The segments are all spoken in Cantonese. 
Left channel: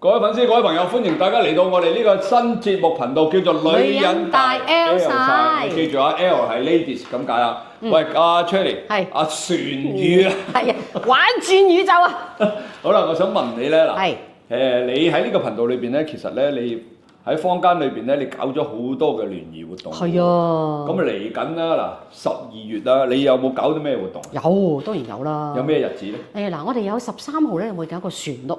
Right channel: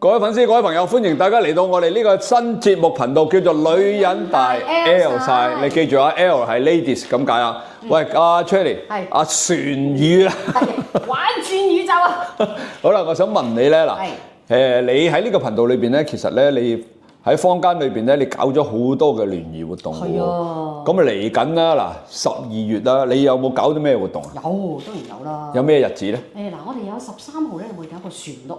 各位粉絲、各位朋友，歡迎大家嚟到我哋呢個新節目頻道，叫做女人大 L 晒。你記住啊 ，L 係 ladies 咁解啊。喂，阿 Cherry， 係阿船語啊，係玩轉宇宙啊！好啦，我想問你咧嗱，係你喺呢個頻道裏邊咧，其實咧你喺坊間裏邊咧，你搞咗好多嘅聯誼活動。係啊。咁啊嚟緊啦，嗱12月啦，你有冇搞啲咩活動啊？有，當然有啦。有咩日子咧？嗱，我哋有13號咧會搞一個船屋。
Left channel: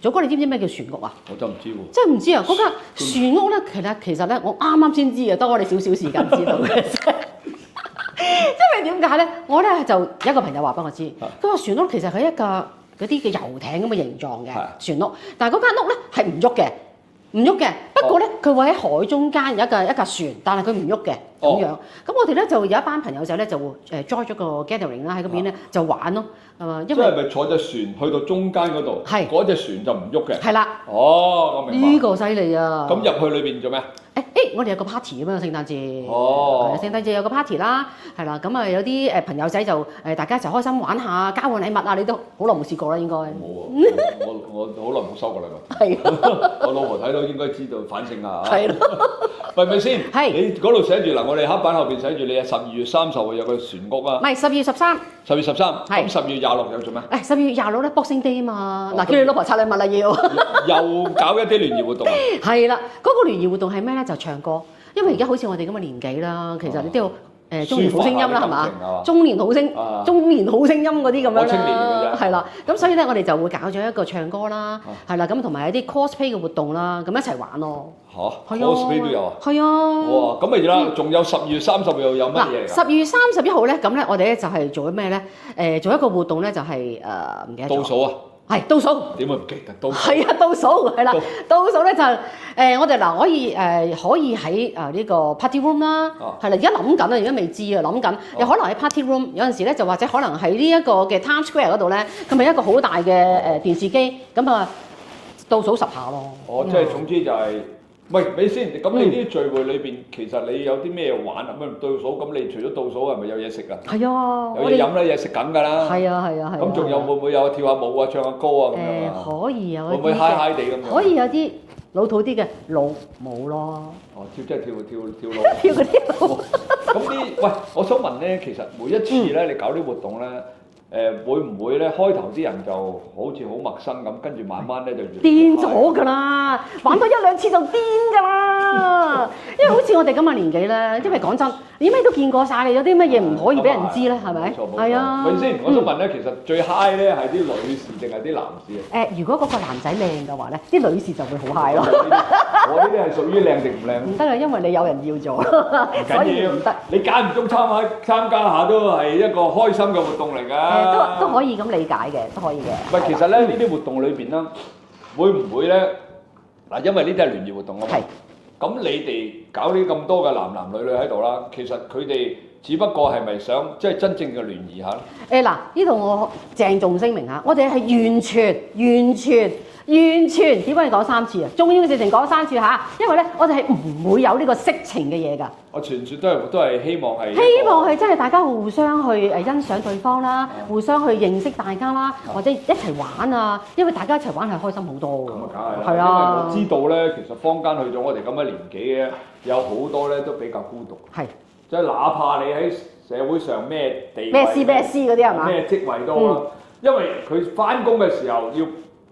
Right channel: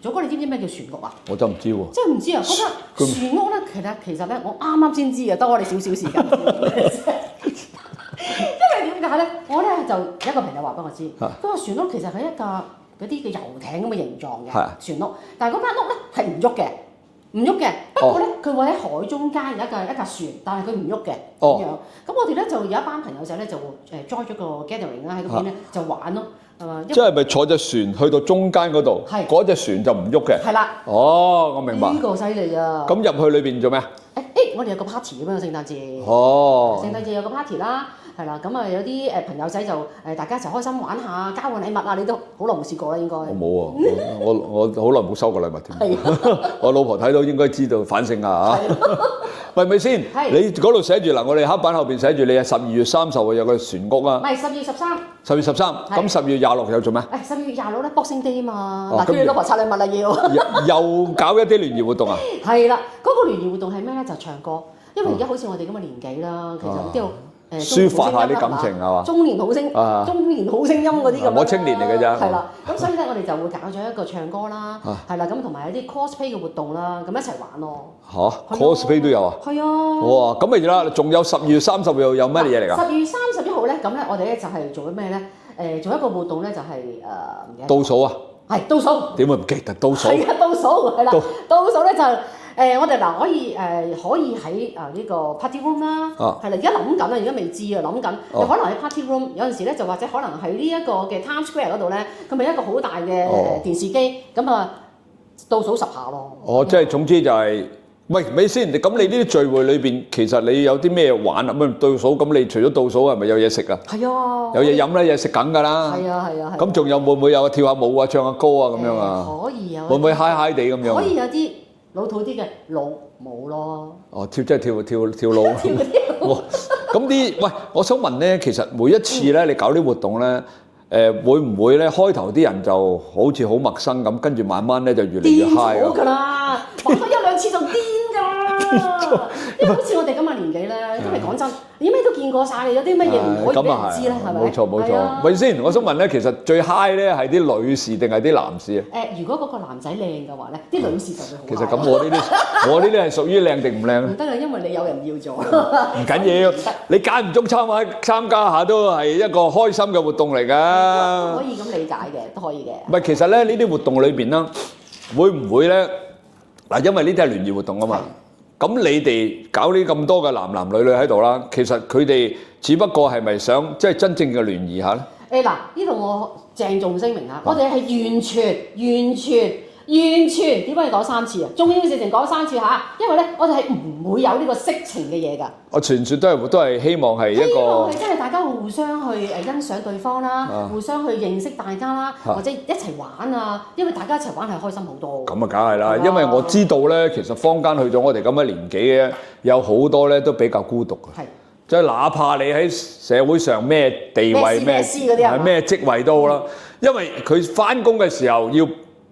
祖哥，你知唔知咩叫船屋啊？我真唔知喎。即係唔知啊！嗰間船屋咧，其實咧，我啱啱先知嘅，得我哋少少時間知道嘅。因為點解咧？我咧就有一個朋友話俾我知，嗰個船屋其實係一架嗰啲嘅遊艇咁嘅形狀嘅船屋，但係嗰間屋咧係唔喐嘅。唔喐嘅，不過咧佢會喺海中間有一架船，但係佢唔喐嘅咁樣。咁我哋咧就有一班朋友仔咧就join 咗個 gathering 啦，喺嗰邊咧就玩咯，係嘛？即係咪坐隻船去到中間嗰度？係嗰隻船就唔喐嘅。係啦。哦，我明白。呢個犀利啊！咁入去裏邊做咩？我哋有個 party 咁樣聖誕節。哦。聖誕節有個 party 啦，係啦，咁啊有啲朋友仔就大家一齊開心玩下，交換禮物啊！你都好耐冇試過啦，應該。我冇啊，我好耐冇收過禮物添。係。我老婆睇到應該知道反省啊嚇。係咯。係咪先？係。你嗰度寫住嗱，我哋黑板後邊寫住你係12月30號有個船屋啊。唔係12月13。12月13。咁12月26有做咩？12月26咧 Boxing Day 啊嘛，嗱叫你老婆拆禮物啦要。又搞一啲聯誼活動啊？係啦，嗰個聯誼活動係咩咧？就唱歌，因為而家好似我哋咁嘅年紀啦，其實你都要中年好聲音啦，係嘛？中年好聲音嗰啲咁樣啦。我青年嚟嘅啫。係啦，咁所以咧，我哋就會搞咗一個唱歌啦，係啦，咁同埋一啲 cosplay 嘅活動啦，咁一齊玩咯。嚇 cosplay 都有啊？係啊。哇，咁咪啦，仲有12月30號有乜嘢嚟㗎？12月31號咧，咁咧我哋咧就係做咩咧？做一個活動咧，就係唔記得。倒數啊！係倒數。點會唔記得倒數？係啊，倒數係啦，倒數咧就我哋嗱可以喺呢個 party room 啦，係啦，而家諗緊啊，而家未知啊，諗緊有可能喺 party room，有陣時咧就或者可能喺呢一個嘅 Times Square 嗰度咧，咁咪一個好大嘅電視機，咁啊倒數10下咯。哦，即係總之就係。喂，咪先，咁你呢啲聚會裏邊，其實你有啲咩玩啊？咁倒數，咁你除咗倒數係咪有嘢食啊？係啊，有嘢飲咧，有嘢食緊㗎啦。係啊。咁仲有會唔會有跳下舞啊、唱下歌啊咁樣啊？可以有。會唔會嗨嗨地咁樣？可以有啲老土啲嘅老舞咯。哦，即係跳舞。跳舞。咁喂，我想問咧，其實每一次咧，你搞啲活動咧，會唔會咧開頭啲人就好似好陌生咁，跟住慢慢咧就越嚟越嗨啊？癲咗㗎啦，玩多1-2次就癲㗎啦。因為好似我哋咁嘅年紀咧，因為講真，你咩都見過晒，你有啲乜嘢唔可以俾人知咧？係咪？冇錯。係先，我想問咧，其實最嗨咧係啲女士定係啲男士啊？如果嗰個男仔靚嘅話咧，啲女士就會好嗨咯。咁我呢啲係屬於靚定唔靚？唔得啊，因為你有人要咗。唔緊要，你間唔中參加下都係一個開心嘅活動嚟㗎。都可以咁理解嘅，都可以嘅。唔係，其實咧呢啲活動裏邊啦，會唔會咧嗱？因為呢啲係聯誼活動啊嘛。咁你哋搞呢咁多嘅男女喺度啦，其實佢哋只不過係咪想即係真正嘅聯誼下咧？嗱，呢度我鄭重聲明下，我哋係完全點解你講3次啊？重要嘅事情講3次嚇，因為咧我哋係唔會有呢個色情嘅嘢㗎。我傳説都係希望係真係大家互相去欣賞對方啦，互相去認識大家啦，或者一齊玩啊，因為大家一齊玩係開心好多。咁啊，梗係啦，因為我知道咧，其實坊間去咗我哋咁嘅年紀嘅，有好多咧都比較孤獨嘅。係。即係哪怕你喺社會上咩地位、咩職位都好啦，因為佢翻工嘅時候要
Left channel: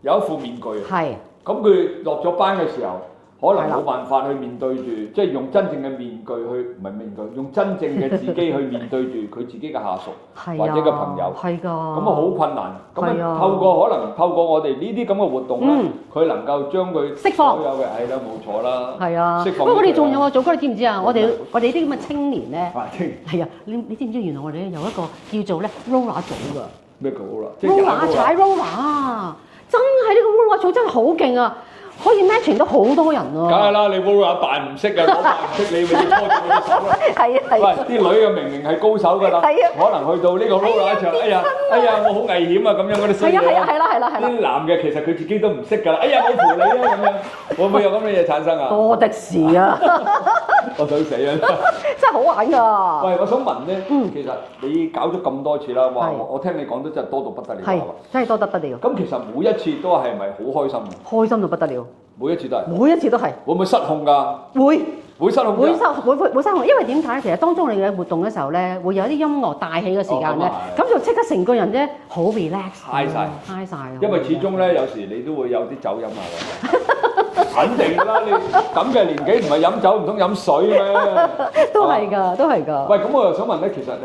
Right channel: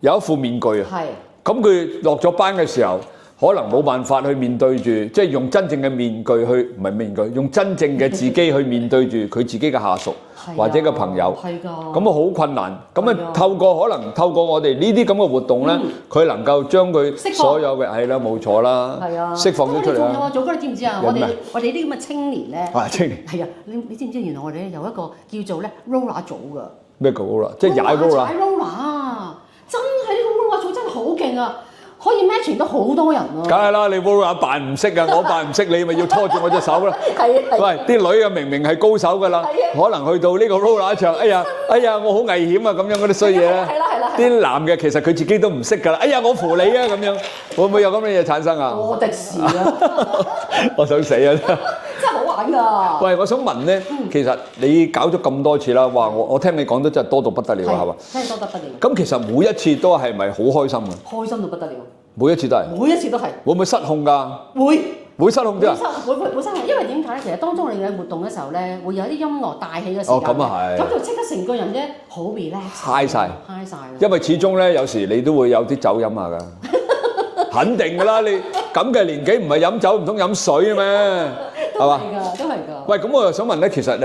有一副面具啊。係。咁佢落咗班嘅時候，可能冇辦法去面對住，即係用真正嘅面具去，唔係面具，用真正嘅自己去面對住佢自己嘅下屬或者嘅朋友。係㗎。咁啊好困難。咁啊透過我哋呢啲咁嘅活動咧，佢能夠將佢所有嘅係啦，冇錯啦。係啊。釋放出嚟。不過我哋仲有啊，祖哥你知唔知啊？我哋呢啲咁嘅青年咧。青年。係啊，你知唔知原來我哋咧有一個叫做咧 roller 組㗎。咩叫 roller？即係踩 roller 啊！真係呢個 roller 組真係好勁啊！可以 matching 到好多人喎。梗係啦，你 roller 扮唔識啊，我扮唔識，你咪要拖住我隻手啦。係啊。喂，啲女啊明明係高手㗎啦，可能去到呢個 roller 場，哎呀，我好危險啊咁樣嗰啲衰嘢啦。係啦。啲男嘅其實佢自己都唔識㗎啦，哎呀我扶你啊咁樣，會唔會有咁嘅嘢產生啊？多的是啊！我想死啊！真真係好玩㗎。喂，我想問咧，其實你搞咗咁多次啦，哇！我聽你講得真係多到不得了，係嘛？真係多得不了。咁其實每一次都係咪好開心啊？開心到不得了。每一次都係。每一次都係。會唔會失控㗎？會。會失控㗎。會失控，因為點解？其實當中你嘅活動嘅時候咧，會有啲音樂帶起嘅時間咧，咁就即刻成個人咧好 relax。high 晒。因為始終咧，有時你都會有啲酒飲下㗎。肯定㗎啦，你咁嘅年紀唔係飲酒唔通飲水咩？都係㗎，都係㗎。喂，咁我又想問咧，其實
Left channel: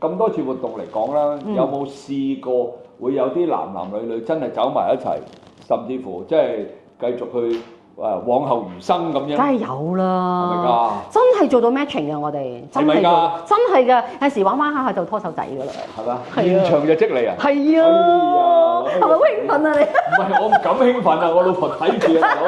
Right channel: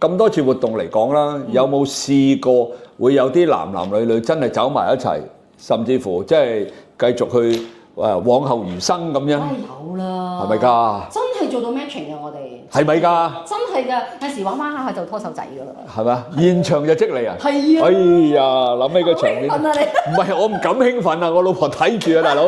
咁多次活動嚟講啦，有冇試過會有啲男男女女真係走埋一齊，甚至乎即係繼續去往後餘生咁樣？梗係有啦，係咪㗎？真係做到 matching 㗎，我哋係咪㗎？真係㗎，有時玩下就拖手仔㗎啦。係咪？現場就積你啊！係啊！哎呀，諗起個場面，興奮啊你！唔係我唔敢興奮啊，我老婆睇住啊，大佬，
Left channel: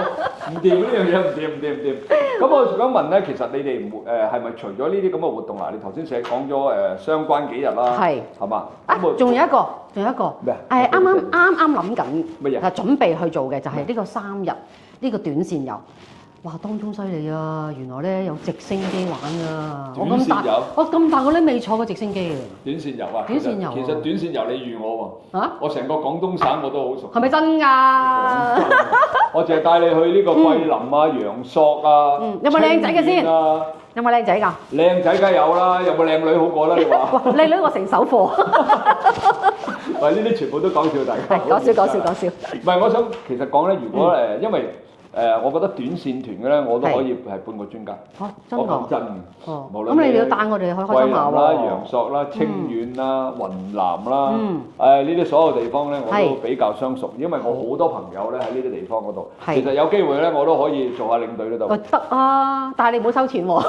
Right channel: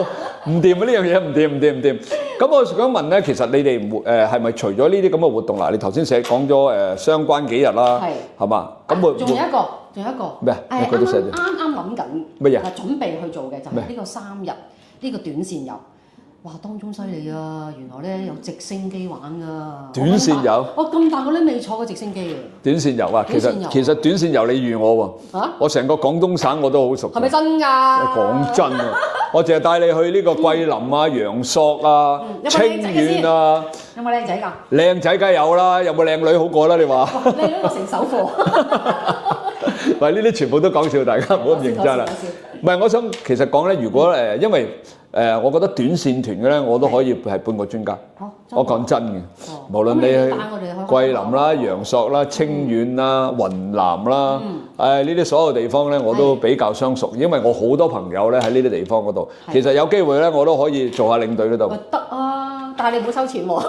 唔掂啊呢樣嘢，唔掂。咁我想問咧，其實你哋係咪除咗呢啲咁嘅活動嗱？你頭先講咗相關幾日啦，係嘛？咁仲有一個咩？啱諗緊乜嘢？準備去做嘅就係呢個3日呢個短線遊。哇！當中犀利啊！原來咧有直升機玩㗎。短線遊？我咁大個咧未坐過直升機啊！短線遊啊，其實短線遊你預我喎。嚇！我成個廣東省我都好熟。係咪真㗎？講真啊，我淨係帶你去呢個桂林啊、陽朔啊、清遠啊。有冇靚仔㗎？靚仔梗係有啦，有冇靚女好過啦？你話？靚女我成手貨。喂，呢啲全部都講笑，大家唔好認真啦。講笑。唔係，我想其實講咧，如果因為我覺得短線團嘅咧，我都可以係半個專家。我講真嘅，無論你帶我哋去桂林啦、陽朔啦、清遠啦、雲南啦，呢啲所有地方咧，我都比較相熟，因為我好多朋友咧喺呢啲地方嗰度。其實有機會咧，我都可以做下領隊嗰度。得啊，但係你唔好收錢喎。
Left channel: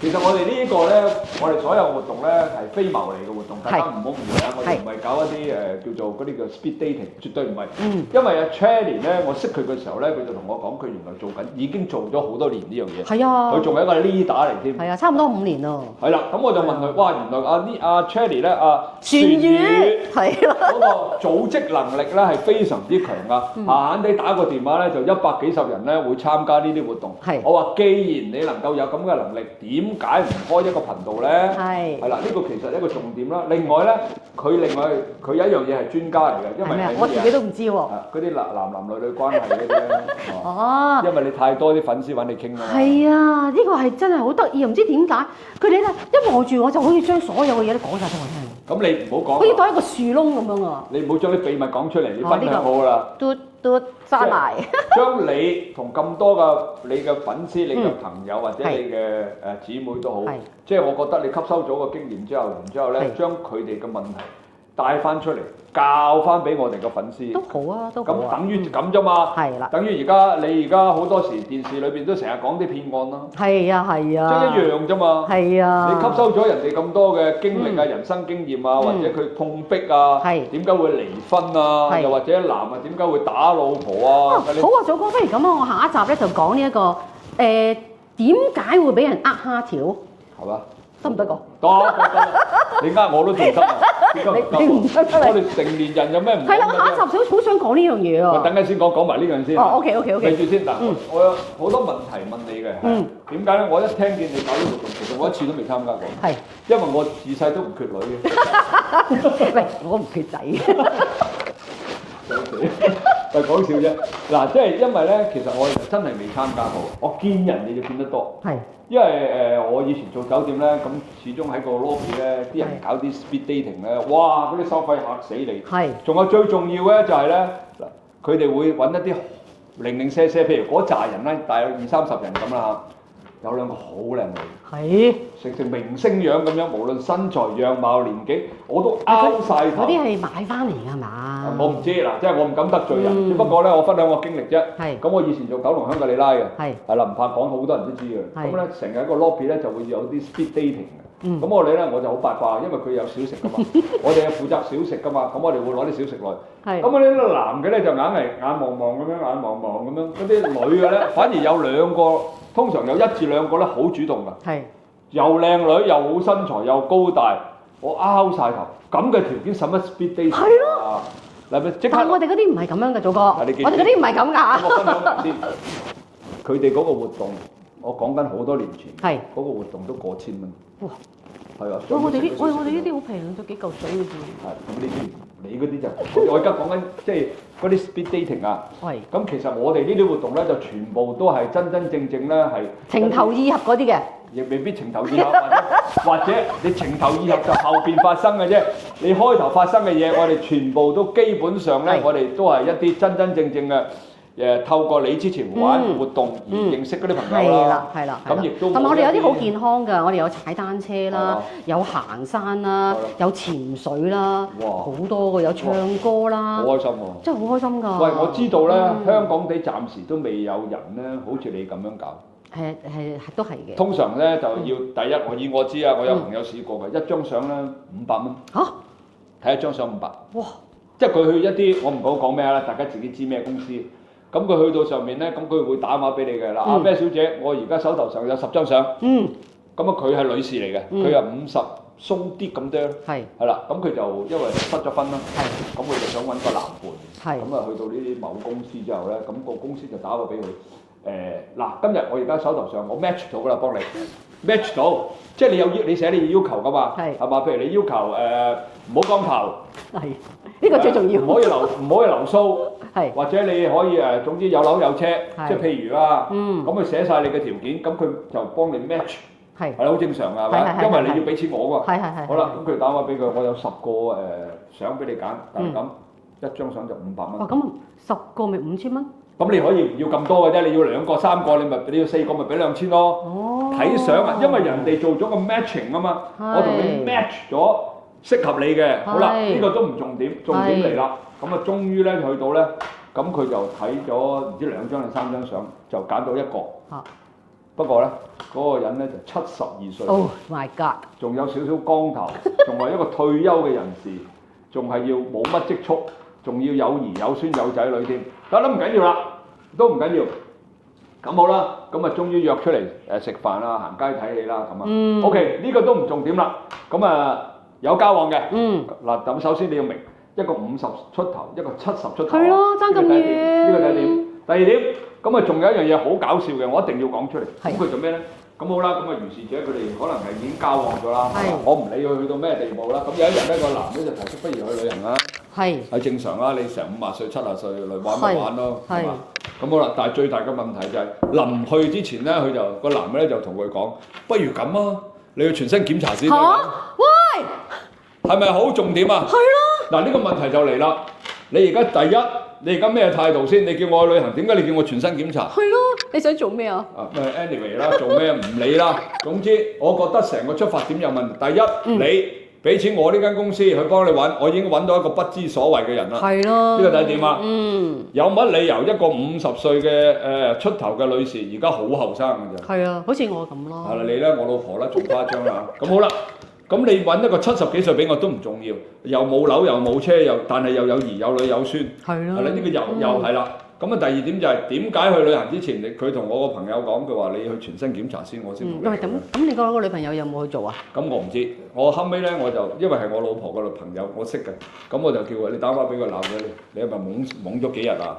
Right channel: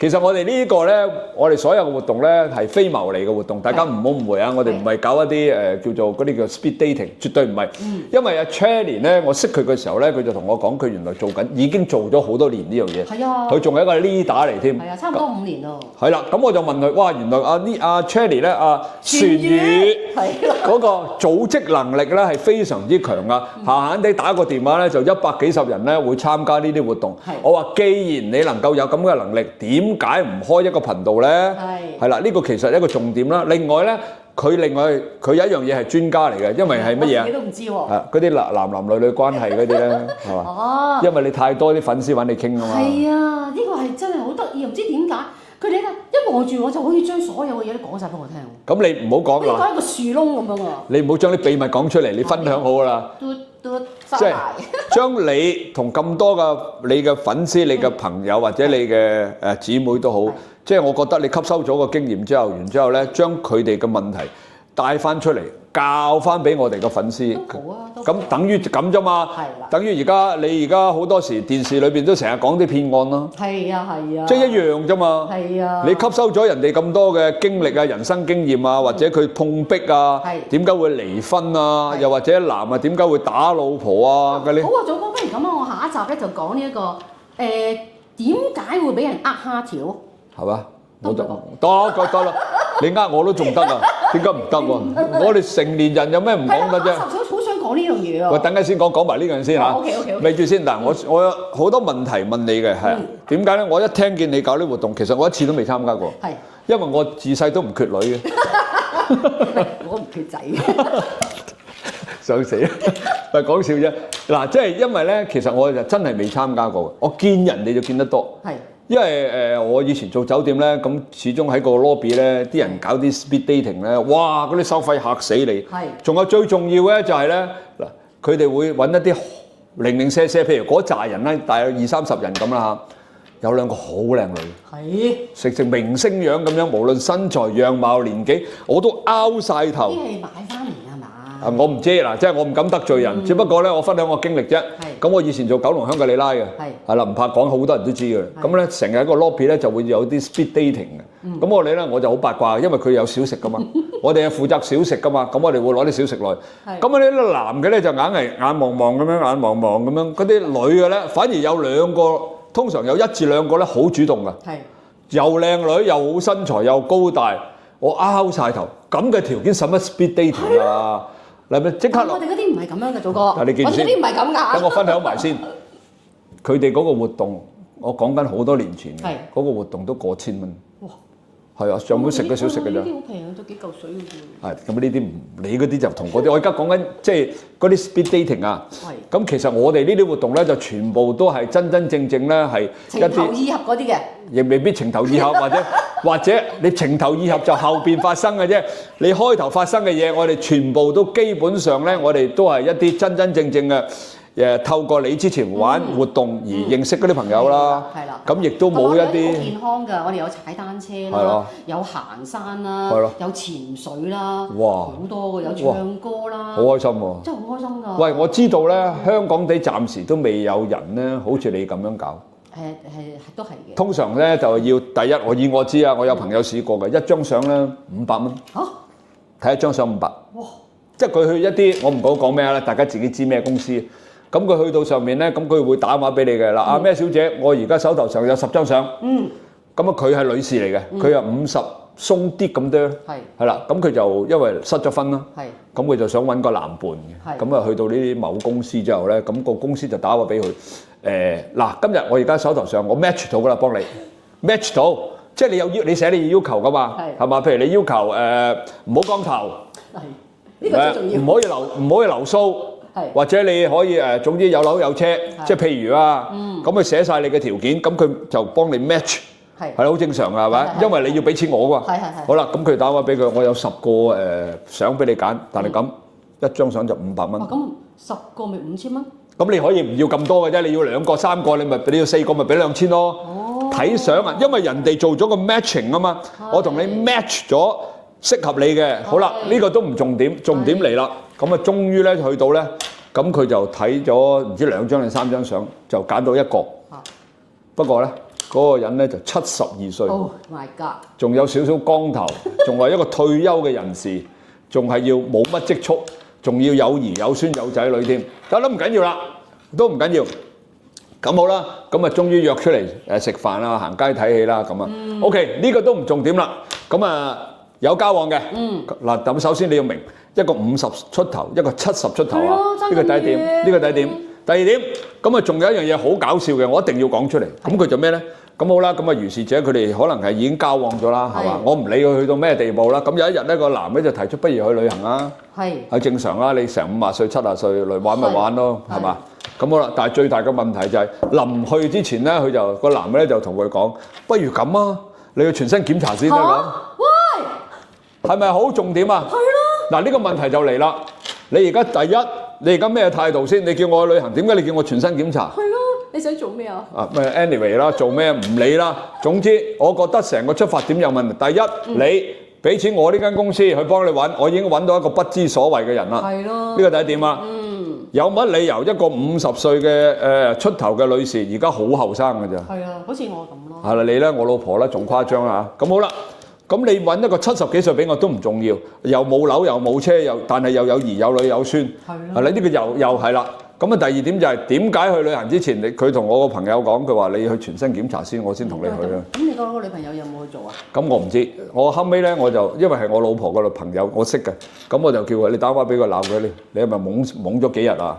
其實我哋呢個咧，我哋所有活動咧係非牟利嘅活動，大家唔好誤會啊！我哋唔係搞一啲叫做嗰啲叫 speed dating，絕對唔係。因為阿 Channy 咧，我識佢嘅時候咧，佢就同我講，佢原來已經做咗好多年呢樣嘢。係啊，佢仲係一個 leader 嚟添。係啊，差唔多5年咯。係啦，咁我就問佢，哇，原來阿 Channy 咧，船語嗰個組織能力咧係非常之強噶。閒閒地打個電話咧，就100幾十人咧會參加呢啲活動。我話，既然你能夠有咁嘅能力，點解唔開一個頻道咧？係啦，呢個其實一個重點啦。另外咧，佢有一樣嘢係專家嚟嘅，因為係乜嘢？我自己都唔知喎。嗰啲男女關係嗰啲咧，係嘛？哦。因為你太多啲粉絲揾你傾啊嘛。係啊，呢個係真係好得意，唔知點解佢哋咧一望住我就可以將所有嘅嘢都講晒俾我聽。咁你唔好講。好似講一個樹窿咁樣啊！你唔好將啲秘密講出嚟，你分享好啦。都翻嚟。將你同咁多嘅你嘅粉絲、你嘅朋友或者你嘅姊妹都好，即係我覺得你吸收咗個經驗之後，然之後咧將佢哋嘅問題帶翻出嚟，教翻俾我哋嘅粉絲。都好啊，都咁等於咁啫嘛。係啦。等於你而家好多時電視裏邊都成日講啲騙案啦。係啊。即係一樣啫嘛。係啊。你吸收咗人哋咁多嘅經歷啊、人生經驗啊，或者佢碰壁啊，點解會離婚啊？又或者男啊點解會打老婆啊？好啊，祖哥，不如咁啊，我下一集咧就講呢一個點解會俾人蝦條？係嘛？得唔得？得啦，你我都仲得啊？點解唔得喎？我哋成年人有咩唔講嘅啫？下一集好想講呢樣嘢啊！喂，等陣先講埋呢樣先嚇。OK。咪住先嗱，我有好多問題問你嘅係點解咧？我一聽見你搞呢個活動，其實我一次都未參加過。係。因為我自細都唔缺女嘅。喂，我唔缺仔。想死啊！但係講笑啫。嗱，即係因為咧，其實我就真係未參加過。我見人哋就見得多。係。因為我以前做酒店咧，咁始終喺個 lobby 咧，啲人搞啲 speed dating 咧，哇！嗰啲收費嚇死你。係。仲有最重要咧，就係咧嗱，佢哋會揾一啲零零舍舍，譬如嗰扎人咧，大約20-30人咁啦嚇，有兩個好靚女。係。成明星樣咁樣，無論身材、樣貌、年紀，我都拗晒頭。嗰啲係買翻嚟㗎嘛？我唔知嗱，即係我唔敢得罪人，只不過咧，我分享我經歷啫。係。咁我以前做九龍香格里拉嘅。係啦，唔怕講，好多人都知嘅。咁咧，成日喺個 lobby 咧就會有啲 speed dating 嘅。咁我哋咧我就好八卦，因為佢有小食㗎嘛。我哋係負責小食㗎嘛。咁我哋會攞啲小食來。係。咁呢啲男嘅咧就硬係眼望望咁樣，眼望望咁樣。嗰啲女嘅咧反而有2個，通常有1至2個咧好主動㗎。係。又靚女，又好身材，又高大，我拗晒頭。咁嘅條件使乜 speed dating 啊？嗱咪即刻！我哋嗰啲唔係咁樣嘅，祖哥。我哋嗰啲唔係咁㗎。等我分享埋先。佢哋嗰個活動，我講緊好多年前嘅，嗰個活動都過千蚊。哇！係啊，上門食嘅小食嘅啫。呢啲好平，都幾嚿水嘅啫。係咁呢啲你嗰啲就同嗰啲，我而家講緊即係嗰啲 speed dating 啊。係。咁其實我哋呢啲活動咧就全部都係真真正正咧係情投意合嗰啲嘅。亦未必情投意合，或者你情投意合就後邊發生嘅啫。你開頭發生嘅嘢，我哋全部都基本上咧，我哋都係一啲真真正正嘅。透過你之前玩活動而認識嗰啲朋友啦，係啦，咁亦都冇一啲。我哋有啲好健康㗎，我哋有踩單車啦，有行山啦，有潛水啦，哇，好多㗎，有唱歌啦，好開心喎！真係好開心㗎。喂，我知道咧，香港地暫時都未有人咧，好似你咁樣搞。係都係嘅。通常咧就要第一，我知啊，我有朋友試過嘅，一張相咧500蚊。嚇！睇一張相500。哇！即係佢去一啲，我唔講咩啦，大家自己知咩公司。咁佢去到上面咧，咁佢會打電話俾你嘅啦。阿咩小姐，我而家手頭上有10張相。咁啊，佢係女士嚟嘅，佢係50鬆啲咁多。係啦，咁佢就因為失咗婚啦。咁佢就想揾個男伴。咁啊，去到呢啲某公司之後咧，咁個公司就打電話俾佢。嗱，今日我而家手頭上我 match 到㗎啦，幫你 match 到，即係你寫你要求㗎嘛，係嘛？譬如你要求唔好光頭。係，呢個最重要。唔可以留鬚。或者你可以總之有樓有車，即係譬如啊，咁佢寫晒你嘅條件，咁佢就幫你 match，係好正常㗎，係咪？因為你要俾錢我㗎。好啦，咁佢打電話俾佢，我有10個相俾你揀，但係咁一張相就500蚊。咁10個咪5000蚊？咁你可以唔要咁多嘅啫，你要2個3個，你要4個咪俾2000咯。睇相啊，因為人哋做咗個 matching 啊嘛，我同你 match 咗適合你嘅。好啦，呢個都唔重點，重點嚟啦。咁啊，終於咧去到咧，咁佢就睇咗唔知2張定3張相，就揀到一個。不過咧，嗰個人咧就72歲。Oh my god！仲有少少光頭，仲係一個退休嘅人士，仲係要冇乜積蓄，仲要有兒有孫有仔女添。得啦，唔緊要啦，都唔緊要。咁好啦，咁啊，終於約出嚟食飯啦、行街睇戲啦，咁啊。OK，呢個都唔重點啦。咁啊，有交往嘅。嗱，咁首先你要明。一個50出頭，一個70出頭啊！呢個第一點，呢個第一點。第二點，咁啊仲有一樣嘢好搞笑嘅，我一定要講出嚟。咁佢就咩咧？咁好啦，咁啊如是者佢哋可能係已經交往咗啦，係嘛？我唔理佢去到咩地步啦。咁有一日咧，個男咧就提出不如去旅行啦。係正常啦，你成50歲、70歲嚟玩咪玩咯，係嘛？咁好啦，但係最大嘅問題就係臨去之前咧，佢就個男咧就同佢講：不如咁啊，你去全身檢查先啦。喂，係咪好重點啊？係咯。嗱，呢個問題就嚟啦！你而家第一，你而家咩態度先？你叫我去旅行，點解你叫我全身檢查？係咯，你想做咩啊？anyway 啦，做咩唔理啦。總之，我覺得成個出發點有問題。第一，你俾錢我呢間公司去幫你揾，我已經揾到一個不知所謂嘅人啦。係咯，呢個第一點啊。有乜理由一個50歲嘅出頭嘅女士，而家好後生㗎咋？係啊，好似我咁咯。係啦，你咧，我老婆咧，仲誇張啦嚇。咁好啦。咁你揾一個70幾歲俾我都唔重要，又冇樓又冇車，但係又有兒有女有孫，係咯。呢個又係啦。咁啊，第二點就係點解去旅行之前，佢同我個朋友講，佢話你去全身檢查先，我先同你去。咁你個女朋友有冇去做啊？咁我唔知，我後尾咧我就因為係我老婆個女朋友，我識嘅，咁我就叫佢你打電話俾佢鬧佢，你係咪懵咗幾日啊？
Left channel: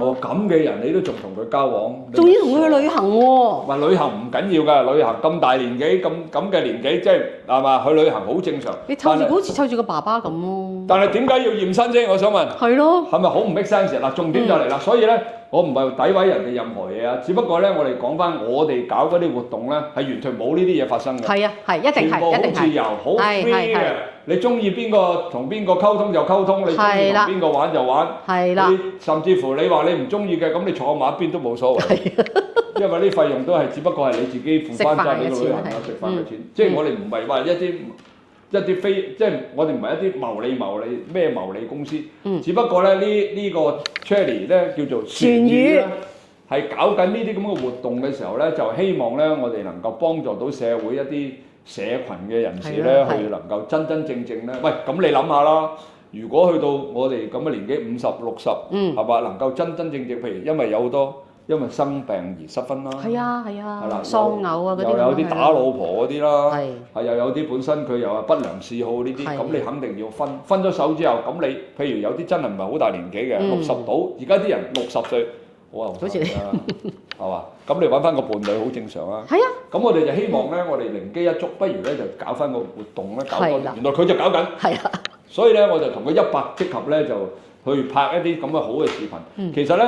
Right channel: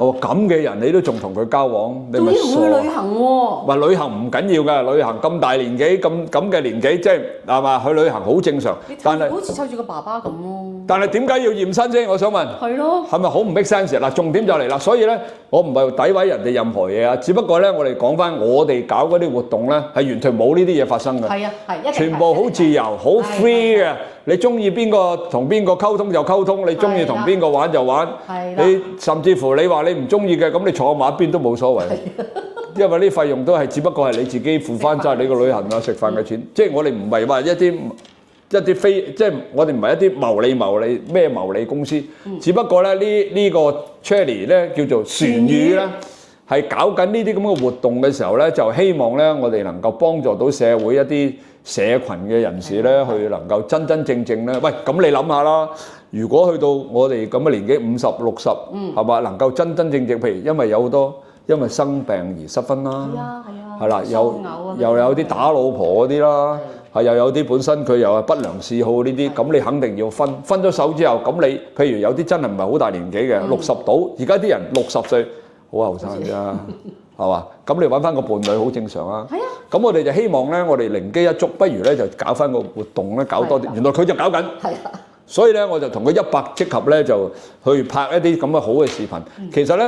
哦，咁嘅人你都仲同佢交往，仲要同佢去旅行喎？話旅行唔緊要㗎，旅行咁大年紀咁嘅年紀，即係係嘛？去旅行好正常。你湊住好似湊住個爸爸咁咯。但係點解要驗身先？我想問。係咯。係咪好唔 make sense？嗱，重點就嚟啦。所以咧，我唔係詆毀人哋任何嘢啊，只不過咧，我哋講翻我哋搞嗰啲活動咧，係完全冇呢啲嘢發生嘅。係啊，係一定係。全部好自由，好 free 嘅。你中意邊個同邊個溝通就溝通，你中意同邊個玩就玩。係啦。你甚至乎你話你唔中意嘅，咁你坐埋一邊都冇所謂。因為啲費用都係只不過係你自己付翻曬你個旅行啊、食飯嘅錢。即係我哋唔係話一啲非，即係我哋唔係一啲牟利公司。只不過咧呢個 Cherry 咧叫做船語啦，係搞緊呢啲咁嘅活動嘅時候咧，就希望咧我哋能夠幫助到社會一啲社群嘅人士咧，去能夠真真正正咧，喂，咁你諗下啦，如果去到我哋咁嘅年紀50、60，係嘛，能夠真真正正，譬如因為有好多因為生病而失婚啦，係啊，係啦，又有啲打老婆嗰啲啦，係又有啲本身佢又係不良嗜好呢啲，咁你肯定要分咗手之後，咁你譬如有啲真係唔係好大年紀嘅，60到，而家啲人60歲。好後生啫，係嘛？咁你揾翻個伴侶好正常啊。係啊。咁我哋就希望咧，我哋靈機一觸，不如咧就搞翻個活動咧，搞多啲。原來佢就搞緊。係啊。所以咧，我就同佢100即合咧，就去拍一啲咁嘅好嘅視頻。其實咧，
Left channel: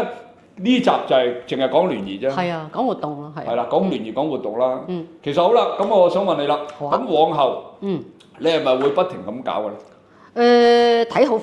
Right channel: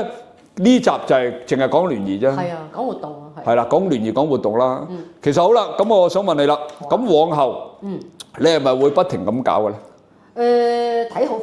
呢集就係淨係講聯誼啫。係啊，講活動咯，係。係啦，講聯誼講活動啦。其實好啦，咁我想問你啦，咁往後，你係咪會不停咁搞嘅咧？睇好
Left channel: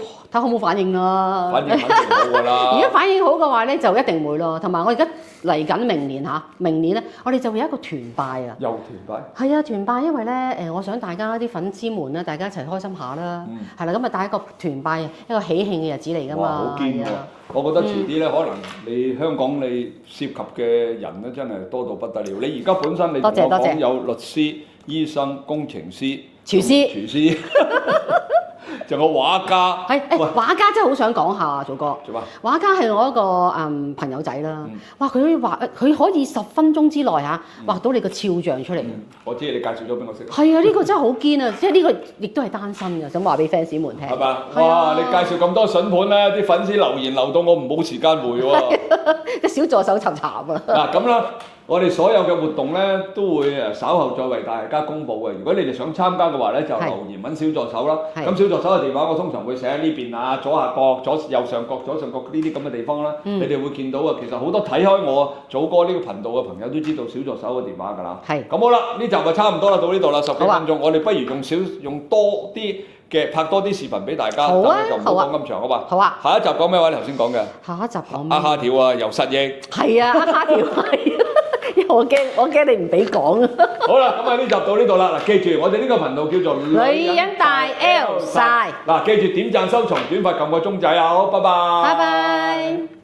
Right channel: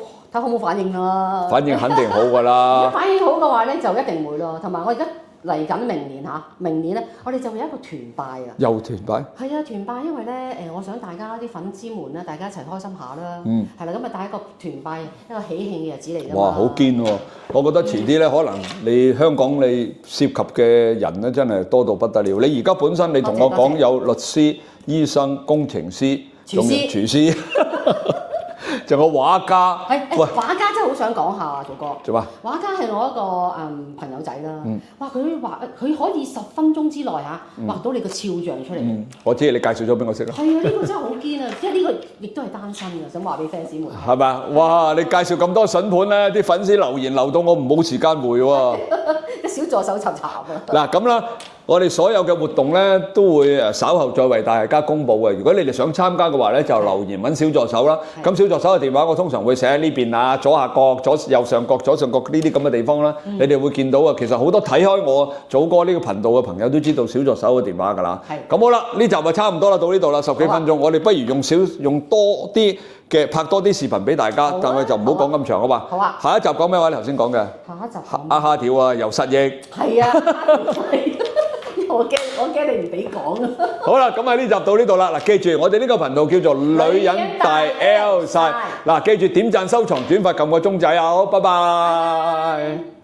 冇反應啊！反應肯定好㗎啦。而家反應好嘅話咧，就一定會咯。同埋我而家嚟緊明年咧，我哋就會有一個團拜啊！又團拜？係啊，團拜，因為咧我想大家啲粉絲們咧，大家一齊開心下啦。係啦，咁啊帶一個團拜，一個喜慶嘅日子嚟㗎嘛。哇！好堅喎！我覺得遲啲咧，可能你香港你涉及嘅人咧，真係多到不得了。你而家本身你同我講有律師、醫生、工程師、廚師。仲有畫家，畫家真係好想講下，祖哥。做乜？畫家係我一個朋友仔啦。哇！佢可以10分鐘之內畫到你個肖像出嚟。我知你介紹咗俾我識啦。係啊，呢個真係好堅啊！即係呢個亦都係單身嘅，想話俾 fans 們聽。係咪？哇！你介紹咁多筍盤咧，啲粉絲留言留到我冇時間回喎。個小助手尋慘啊！嗱咁啦。我哋所有嘅活動咧，都會稍後再為大家公佈嘅。如果你哋想參加嘅話咧，就留言揾小助手啦。咁小助手嘅電話我通常會寫喺呢邊啊，左下角、右上角、左上角呢啲咁嘅地方啦。你哋會見到啊。其實好多睇開我祖哥呢個頻道嘅朋友都知道小助手嘅電話㗎啦。咁好啦，呢集就差唔多啦，到呢度啦，10幾分鐘。我哋不如用多啲嘅拍多啲視頻俾大家，但係就唔好講咁長好嘛。好啊。下一集講咩話？你頭先講嘅。下一集講咩？蝦條啊，又失憶。係啊，蝦條係。我驚你唔俾講啊！好啦，咁喺呢集到呢度啦。嗱，記住我哋呢個頻道叫做女人大 L 晒。嗱，記住點讚、收藏、轉發、撳個鐘仔啊！好，拜拜。拜拜。